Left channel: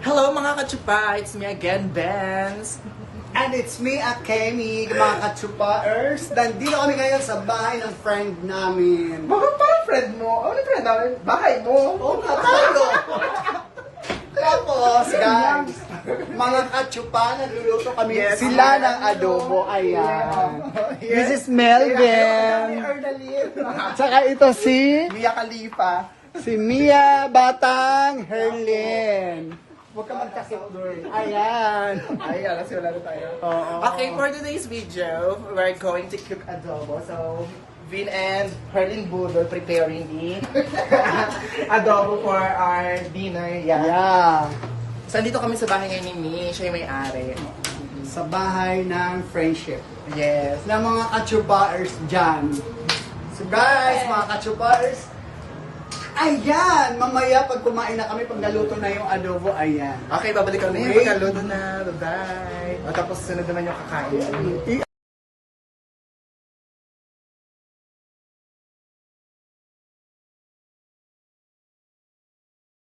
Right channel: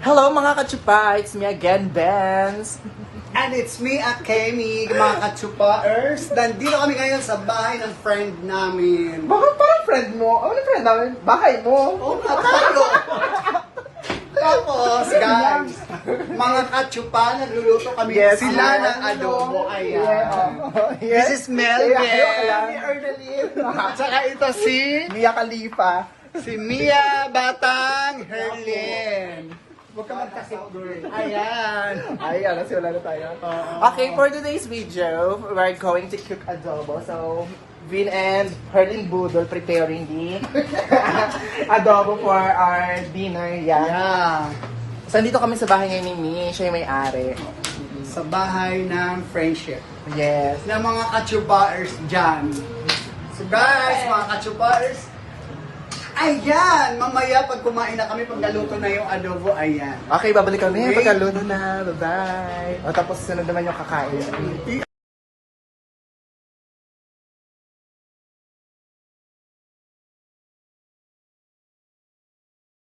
Hello mga katsupa! It's me again, Benz! And it's me, Akemi, mga katsupaers. Nandito kami ngayon sa bahay ng friend namin. Bakit parang friend mo? Ano friend namin? Bahay mo? Oo nga tayo. Tapos, guys, mga katsupa, nagluluto kami sila ng adobo. Ayan. This is Melvin. Tsaka ito si Mia Khalifa. Mia Batang Herlin. Huwag ka magkasik, girl. Ayan. Ayan, kasi wala na tayo. Oo. Okay, for today's video, we're going to cook adobo. So, Vin and Herlin Budol preparing the adobo for our dinner. Yeah. So, dito kami sa bahay ngayon ni Mi. Siya yung may-ari. Sa bahay ng friendship. Yes. Na mga katsubaers dyan. So guys, mga katsubaers, ayan, mamaya pag kumain na kami, pag naluto na yung adobo, ayan. Okay, babalik kami. Wait. Pagkaluto na. Bye-bye. O, tapos sunod naman yung kakain.